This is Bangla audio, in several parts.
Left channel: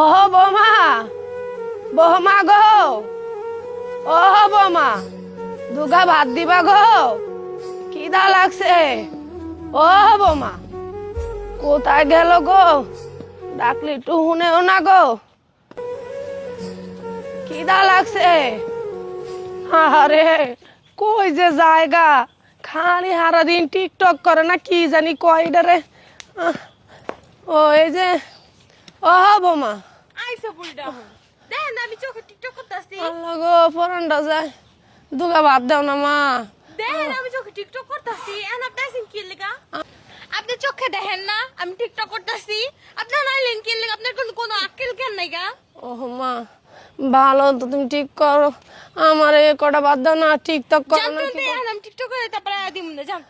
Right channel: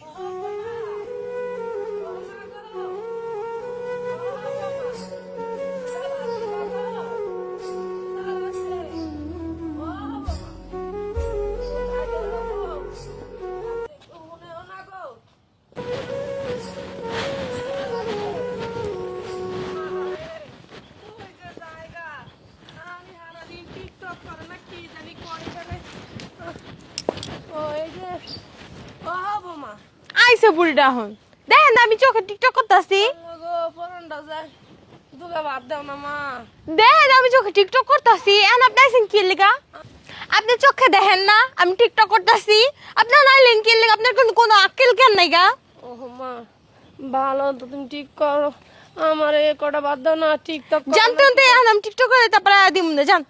ও বৌমা, বৌমা গো, ও বৌমা, দুগা ভাত দিবা গো, খিদা লাগছে। ও বৌমা, কোথায় গেল গো? ডাকলি একটু শুনেও না গো, খিদা লাগছে। আরে কই যে জায়গা, খালি সারাদিন টিকটক করে না কি জানি কয় রে। ও এই যে, ও বৌমা, আইসে বুড়িটা হন দেখেন আমি চোখে টিকটক করতেছি। আল্লাহ গো পরানটা যায়, দুগা ভাত দাও না মা। দেখেন আমি চোখে টিকটক করতেছি। এখন আপনি আইসেন কি লিগা? আপনি চোখে দেখেন না আমি টিকটক করতেছি? আপনার নাইলেন কি লিগা? আপনার কোনো আক্কেল কেন নাই গা? ও মা, ভালো তো তুমি ঠিক করো, আমার এই কটা বাদ দাও না, টিকটক করো জানতেন তো এখন আমি টিকটক করে তারপরে দিম না জান।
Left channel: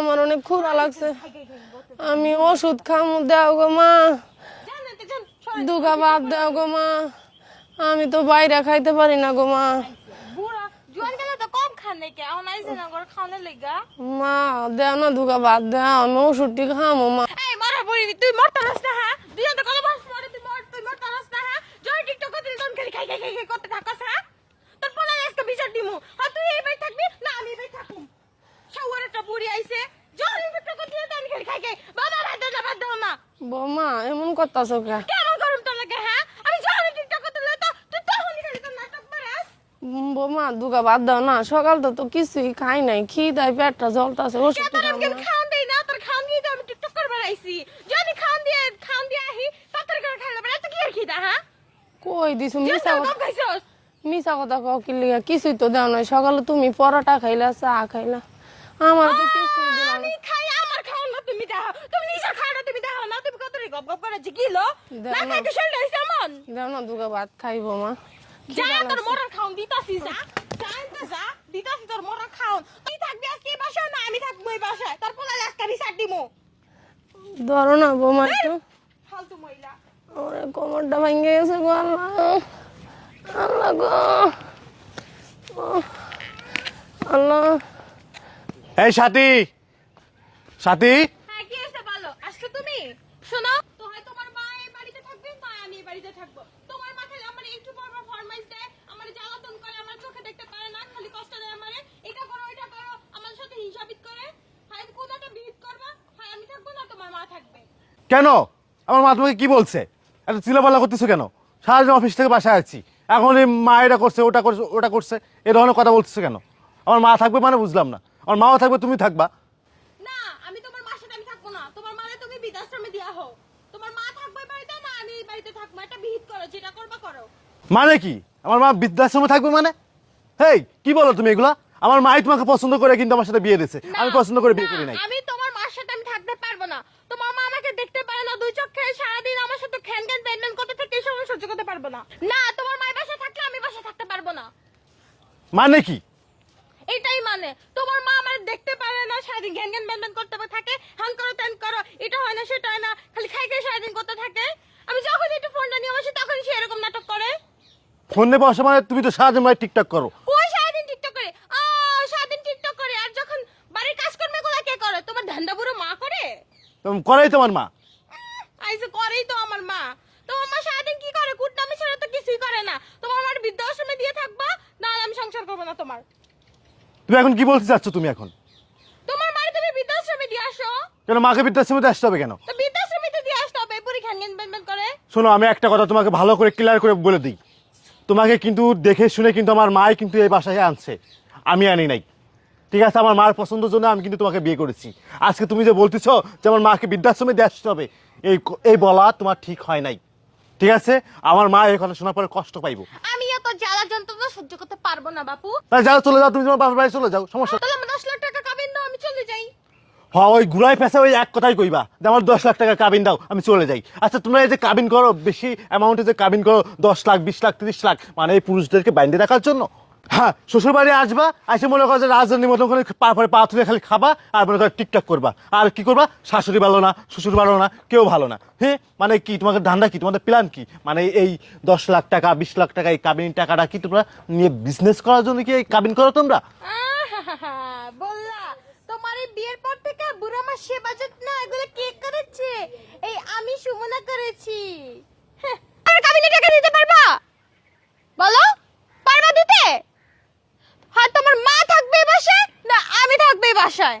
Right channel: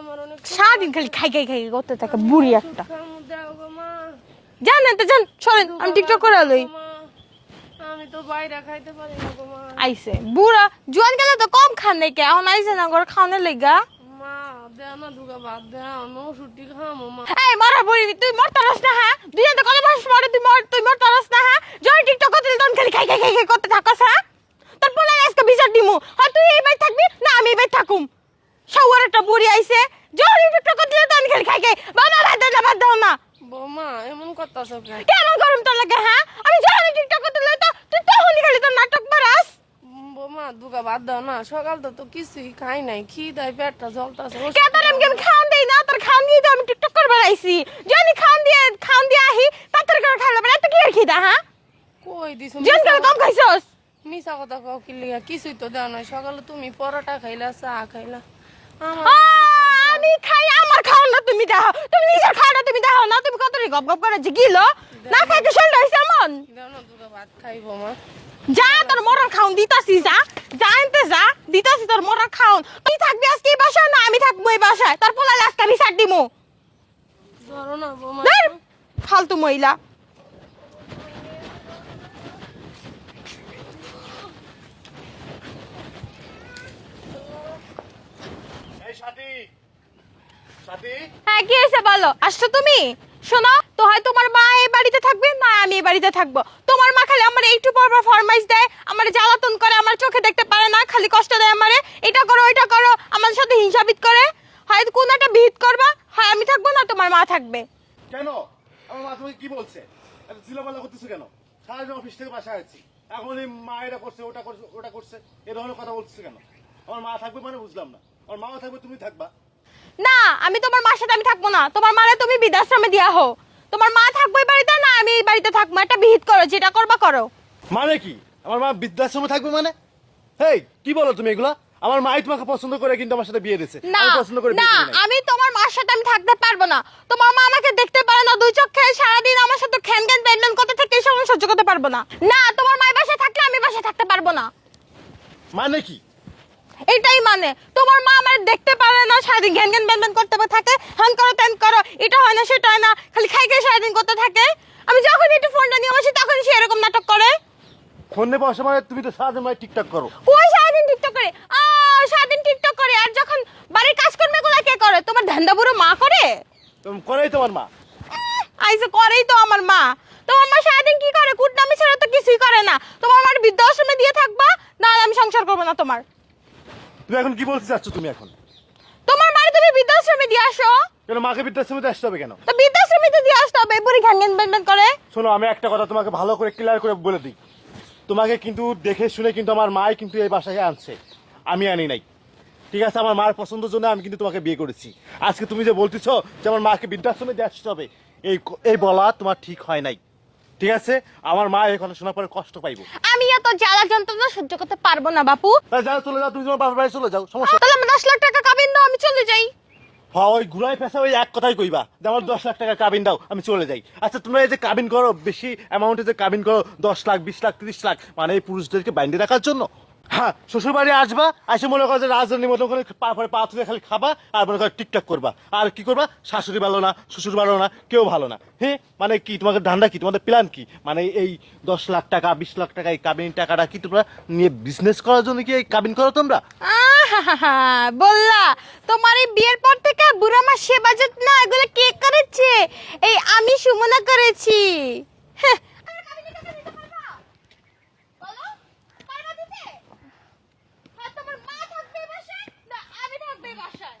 আমার অনেক ক্ষুধা সারাদিন লাগছে। খালি খাই খাই খাই করতে থাকে আমি বুড়ি ওষুধ একটা। খামু, দাও গো মা। জানেন তো জান সরেন দুগা আমি টিকটক ভাত করে দাও লই। গো মা, আমি তো বাইরে খাইতে পারি না গো মা। আইসে বুড়া জোয়ান গেলে তো কম খান নাই কে? এখন আইসে না ঘর খাওয়ানোর লেগা। মা দাও না, দুগা ভাত দাও, আমি ওষুধটি খামু মা। এই মারা বড়ি তুই মরতে রস না হ্যাঁ? দুই হাতে কলে বাস মারে তুই মরতে রস না হ্যাঁ? জয় টিকটক করতে তখন খালি খাই খাই খাই খাই করতে থাকস হ্যাঁ? তোর বলে আজকে বিচার দিমু, হয় তুই এই বাই থাকবি না আমি এই বাই থাকুম। শাওয়ার একটা বুড়ি আইছে জয় টিকটক করতে তখন খালি খাই খাই বাবা বাদ দাও না। বৌমা এমন করতাছো কে? কেন গরম তোর লাগে হ্যাঁ? আমি যখন টিকটক করতে লই তো তুই তখনই খালি তোর নাটক মারাস। বৌমা দুগা ভাত দাও না, সকাল তো কিছুই খাই নাই, খিদায় পেটটা জ্বলতাছে। কে তোর এমনি আমি খাওন দেই না? তোর খাওন দিয়ে তো আমি টিকটক করবার আইছি। যদি খাওন দিয়ে আহি তাড়াতাড়ি করে খাইলে পারে এত কি আর খিদা হ্যাঁ? কই দিছো যেন কম খাইছস। মিছা কথা কও কি লিগা? কিছুই তো দাও নাই, সকালে তুমি পরোটা খাইলা, চা খাইলা, আমার তো কিছুই দাও নাই। আমি খাই আমার খাওন না তুমি দাও, তুমি নিজের খাওয়া তুমি দাও না, তুমি কত গপ গপ করে যে গিলো না খাইতে শরীর হইছে এমন। দাও না, দুগা ভাত খাইবো মা। যা তোর মরার খাওন দিতাছি, যা যা এনতে যা দিতাছি তোর মরার খাওন। তুই থাকবি আজকে এই বাসায় না আমি থাকবো এই বাসায়, তোর পোলালে আজকে আমি ছাড় দিমু। ধরো না বৌমা ধুর, একটু। ফালতু মহিলা। ওরে কোমরটা ভেঙে গেছে গো, আল্লাহ আল্লাহ গো, আল্লাহ। এই সাথী, সাথী, হ্যাঁ কি হয়েছে বলো? আসছো তুমি? শোনো তো, হয় তোমার মা এই বাড়িতে থাকবে না আমি এই বাড়িতে থাকবো। তোমার মা খালি আমার একটু পর পর ফরমাইশ দেয়, আমার জ্বালাতন করে, আমার চোখে দেখতে পারে না, খালি কষ্ট দেয় আমারে, এটা করো ওইটা করো, আমার সাথে হিংসাবিদ করে। হয় কোন একটা বিহিত করবা, হয় আমি থাকবো না তোমার মা থাকবে। কেন? আমার মা তোমাকে কি বলছে? এত চিলাপাল্লা করতেছো কেন? সারাদিন অফিস থেকে বাসায় আছি, এখন এই মা এটা করছে ওটা করছে ওটা করছে এ ধরনের কথা বলতেছো কেন? আমার মা থাকবে মানে বুঝলাম না। আমার মাও থাকবে, তুমি থাকবা? না আমি তোমার মার সাথে আমি থাকবো না, তোমার মারে তুমি বৃদ্ধাশ্রমে দিয়া হো। তোমার মা থাকবো এই বাড়িতে না আমি এই বাড়িতে থাকবো, একটা বিহিত করো, যেটা করবা করো। মানে কি? আমার মা বৃদ্ধাশ্রমে থাকবে মানে? হেই, কি বলো তুমি এগুলা? আমার মাই তোমাকে পছন্দ করে কিন্তু আমার সাথে বিয়ে দিয়েছে, না আমি পছন্দ করে বিয়ে না করি নাই। আমি তোমার মার সাথে আমি থাকতে পারবো না। তোমার মা আমাকে দেখতে পারে না দুই চোখে, সারাদিন আমার সাথে খ্যান খ্যান প্যান করতে থেকে এই সময় সহ্য করতে পারবো না। না তোমার মায়ের বাসায় থাকলে আমি বাসায় থাকতে পারবো না। মানে কি? এটাই মানে তোমার মা আমার দেখতে পারে না, সারাদিন জ্ঞান জ্ঞান ব্যান করতে থাকে, হ্যান করো ত্যান করো, এটা হয় না সেটা হয় না, খালি খাই খাই সারাদিন করতে থাকে। আমি যখন একটু ফোনটা নিয়ে বসি তখন সে এরকম নাটক করে। ফোন নেবো অসময় তুমি তো সারাদিন মানে টিকটক করো। ওই সারাদিন টিকটক করে, সারাদিন টিকটক করে, আর যখন বাড়ির কাজকর্মগুলো কে করে? তোমার ধান্দা বুড়ো মা করে। তেমন করেই তোমার মা। আইসে করেই তো আমার মা। তোমার মা সারাদিন কি করে? কুটনামি ছাড়া তো কিছুই করে না। তোমার মার বৃদ্ধাশ্রমে দিয়ে থাকবা না, আমি সংসার করবো না তোমার। তুমি এখন কি বলতে চাচ্ছ? তুমি এখন তোমার মারে তুমি বৃদ্ধাশ্রমে দিয়ে আসো। কেন মাকে বৃদ্ধাশ্রমে আসতে হবে কেন? তো বৃদ্ধাশ্রমে তো দিয়ে আসতে হবে, বুড়ি ঘ্যান ঘ্যান ব্যান করে। শোনো, আমি একটা কথা তোমাকে ভালো করে ক্লিয়ার করে বলে দিই, তোমাকে কিন্তু দেখে শুনে কিন্তু আমার মাই কিন্তু এই বাসায় আনছে, আমি আনি নাই। ঠিক আছে? আমার মার পছন্দের জন্য আমি কিন্তু তোমাকে বিয়ে করেছি। আজকে তুমি যে বলতেছো যে আমার মাকে বৃদ্ধাশ্রমে দিয়ে আসতে হবে, এই বলা তোমার ঠিক হয় নাই। ঠিক আছে? আমার মা এই কথা শোনার পরে কষ্ট পাইবো। আমি এত জ্বালা যন্ত্রণা সহ্য করতে পারবো না বাপু। যাও, চলে যাও, তুমি তোমার বাবার বাড়ি চলে যাও, সমস্যা। তাহলে আমি 10 লাখ টাকা কাবিন দাও, আমি চলে যাই। হ্যাঁ, ওই ঘুরাই পেশা ওই এক কথাই কইবা যে আমার 10 লাখ টাকা কাবিন দাও, আমি চলে যাই। আচ্ছা, তোমরা এই যে কাবিন করো, বেশি অ্যামাউন্টে যে কাবিন করো, 10 লাখ 20 লাখ 30 লাখ, মানে এই পুরুষদেরকে বাইন্ধে রাখার জন্য। হ্যাঁ, শ্বশুর বাড়ি আসবা, এসে মনে করো যে রাজধানীর মতো করে পরে পা তুলে খালি খাবা আর মনে করো টিকটক করবা। আর কি করবা? শাশুড়ি ভালো না, শ্বশুর ভালো না, কেউ ভালো না। হ্যাঁ, মানে কি তোমাদের ধান্দা কি? তোমাদের প্ল্যান কি? মানে এই 10 লাখ টাকা 20 লাখ টাকা এই কাবিন টাকাটা কি তোমরা নিয়ে বিজনেস করার জন্য কি এই কাবিন করো তোমরা? বললা তোমার এই বিয়ের পর থেকে বুড়া মা সেবা যত্ন এগুলো কে করেছে? এই আমি সুমনা করেছি। হ্যাঁ, আর বলো, পারবা দিতে? হয় তোমার মা থাকবে এই বাসায়, না আমি থাকবে এই বাসায়।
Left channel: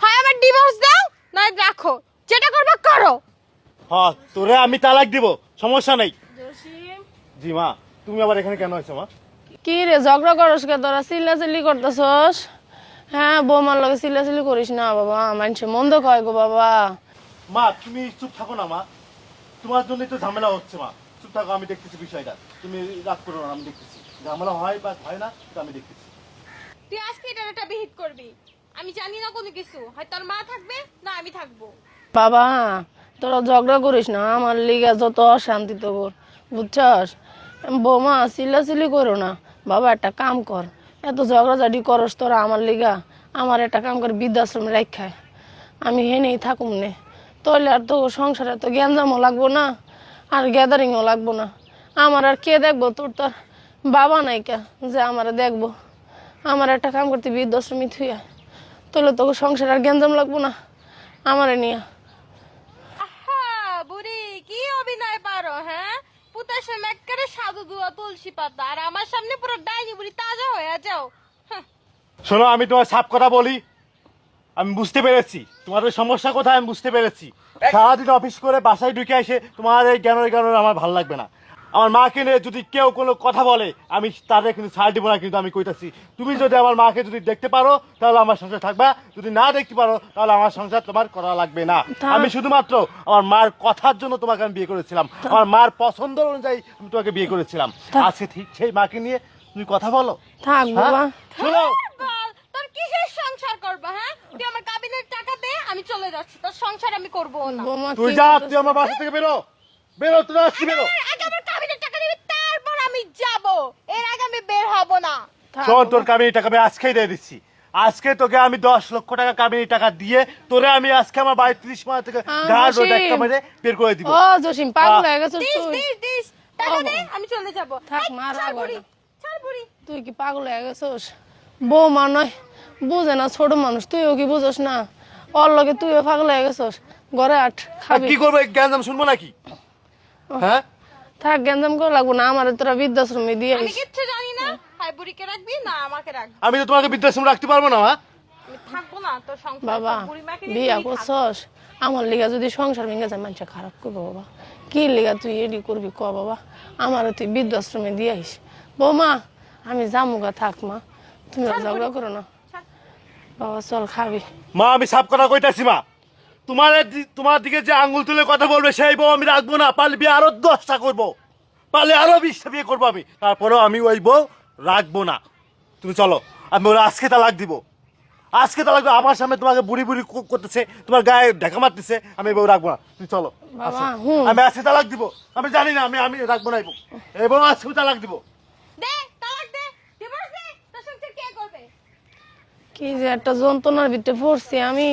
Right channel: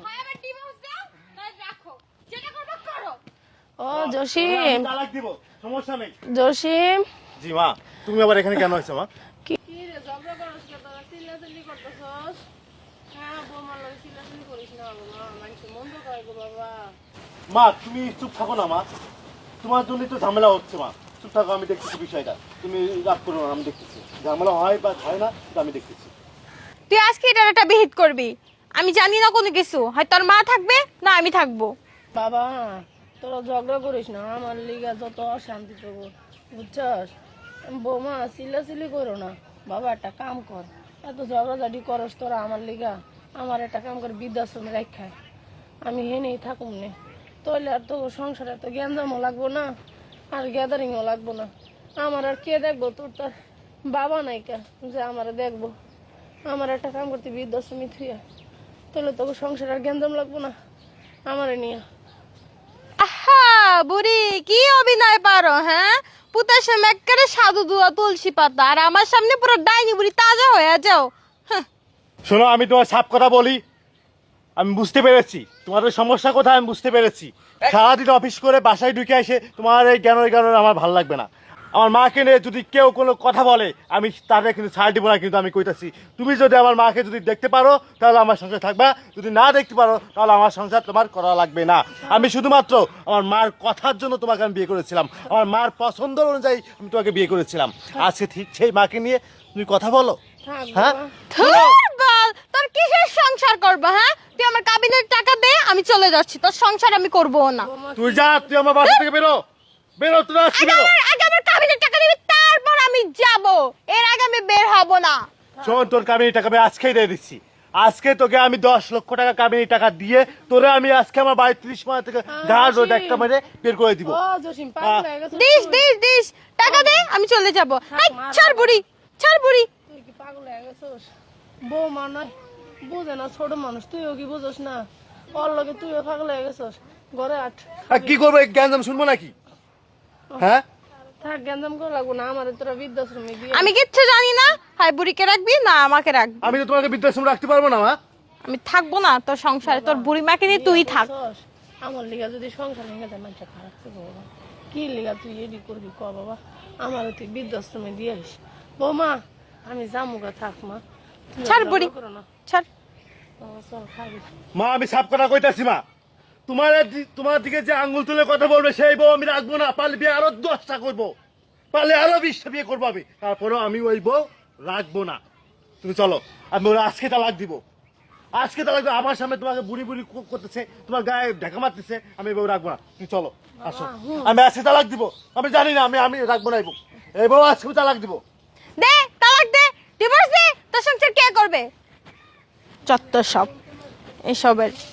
হয় আমার ডিভোর্স দাও, না রাখো, যেটা করবা করো। ও হ্যাঁ, জসিম, তোরে আমি তালাক দিব, সমস্যা নেই। জসিম জি মা, তুমি আবার এখানে কেন আছো মা? কি রে ঝগড়া করস কে তোরা? চিল্লাচিল্লি করতেছস? হ্যাঁ, বৌমার লগে চিল্লাচিল্লি করিস না বাবা, মানুষে মন্দ কয় গো বাবা। মা তুমি চুপ থাকো না মা, তোমার জন্যই তো ঝামেলা হচ্ছে মা। চুপ থাকো, আমি দেখতেছি বিষয়টা, তুমি রাগ করো না, আমি দেখতেছি। ঝামেলা হয় বা হয় না সেটা আমি দেখতেছি। তুই আজকে এটার একটা বিহিত করবি। আমি জানি না কোনো কিছু, হয় তোর মা থাকবে না আমি থাকবো। বাবা তোরা ঝগড়া করিস না, আমার লিগা যত অশান্তি তো বুঝছস। বৌমা চিল্লাচিল্লি করো না বাবা, একটা কাম কর। এত ঝগড়াঝাটি করস তোরা আমার লিগা, আমার একটা কাম করে বৃদ্ধাশ্রমে রাখায় আমি হেনেই থাকুম নে। তাহলে আর তো সংসারে তো গ্যাঞ্জামও লাগবো না, আর গ্যাদারিংও লাগবো না। আমার আর কে দেখবো? তোর তো আর বাবা নাই কে যে আমার দেখবো। আমার একটা কাম করতে বৃদ্ধাশ্রমে থুয়া, তাহলে তোকে সংসার আর গ্যাঞ্জাম লাগবো না আমারে নিয়ে। আহা বুড়ি, কি অভিনয় পারো হ্যাঁ? পুতার সামনে একেবারে সাধু দুয়া তুলসী পাতা, আর আমার সামনে পুরো ডাইনি বুড়ি তাজা হয়ে যাও। হ্যাঁ। শোনো, আমি তোমার সাপ কথা বলি, আমি বুঝতে পেরেছি তোমাদের সমস্যা কোথায়, আমি বুঝতে পেরেছি। সারাদিন অফিস করে বাসায় ঢুকে এসে তোমার এই জ্ঞানের জ্ঞানের আমার ভালো লাগবে না। আমার মাকে নিয়ে যদি কেউ কোনো কথা বলে আমি তাদের কিন্তু ছাড় দিব না, কিন্তু আমি কইতাছি তুমি যদি আমার মাকে যদি দেখতে পারো তাহলে আমার সংসার থাকবা, যদি না দেখতে পারো তাহলে আমার সংসার তোমার করা লাগবে না। আমি শুধুমাত্র আমার মার কথার জন্য তোমাকে আমি বিয়ে করেছিলাম, আমার মার পছন্দ অনুযায়ী আমি তোমাকে বিয়ে করেছিলাম। আজকে ঠিক সেই মাকে নিয়ে তুমি কথা বলো। থাক হ্যাঁ? বাবা। ধুর বল, তোর কিসের সংসার করবো হ্যাঁ? তুই আমার কাবিনের টাকা দে, আমি চলে যাচ্ছি, তোর সংসার আমি করবো না। বৌমা, তুই কি যা, তুই আমার বাসা থেকে বেরো, বেরো, তুই আজকে বেরো। আগে আমার কাবিনের টাকা দিবি, তারপর আমি যাব। এর আগে আমি বের হব না। থাক শোন, তোর বাবা। কামিনী টাকা আমি আজকেই দিয়ে দিচ্ছি। আজকে তোকে আমি 10 লক্ষ টাকা কামিনী টাকা দিয়ে তোরে আমি আজকে আমার বাড়ি 30 মাস থেকে ধার রোড একটা মেরে বের করে দিব। ও জসিম, পাগল হয়ে গেছিস দিস তুই? দিস দিস, টাকা দে, আমি চলে যাব। এই মারা ছাড় বুড়ি, ছাড় বুড়ি। তুই কি পাগল হয়ে গেছিস? বৌমা নয়, বুঝে না, ছোট মানুষ, তুইও কি বুঝস না? ওর লগে তুইও পাগল হয়ে গেছিস। ঘরে আট আর খাবি। কি করবো, জ্ঞান শুনবো নাকি? হ্যাঁ, থাক, গ্যাঞ্জাম করে লাগবো না, আমার তোরা বৃদ্ধাশ্রমে দিয়ে আমি কিচ্ছু জানি না, হয় বুড়িকে রাখবি না আমাকে রাখবি। আমি তো তোমাকে বৃদ্ধাশ্রম রাখতে পারবো না মা। আমি থাকবো না তোর সংসারে, বাবা, তোর বুড়ি মাকে নিয়ে বিয়া তুই থাক। করছস, আমার লিগা যদি সংসার ভেঙে যায় মানুষ খারাপ করবো বাবা। কি লিগা তুই এডি করবি ক বাবা? আমার তুই বৃদ্ধাশ্রমে দিয়ে আইস। বৌমা আমি জামুগা, থাক মা, তুমি ছাড় বুড়ি, ঝগড়া করো না। ছাড়। বাবা চল খাবি। মা আমি সাপ কথা কইতাছি মা, তোমার দিকে যে আঙ্গুল তুলে কথা বলবে সেই বউ আমি রাখবো না। পারলে বিয়ে আরো 10টা করবো, পারলে আরো 20টা বিয়ে করবো আমি, তারপরেও আমি ওই বউ রাখবো না। তুমি চলো, আমি ওরা আজকে তালাক দিব, আজকে তালাক দিব। আমার সামনে তোমাকে বুড়ি বুড়ি করতেছে, তোমার গায়ে ঢাকা মারতেছে, আমি এই বউ রাখবো না। তুমি চলো, আসো। বাবা, হুম। আমি আজকে তালাক দিব, আমি জানি না, আমি রাখবো না এই বউ, এই বউ আজকে তালাক দিব। দে তালাক দে, ডিভোর্স দে, তোর সংসার কে করবে? কি যে একটা যন্ত্রণার ভিতরে পড়ছি আমি।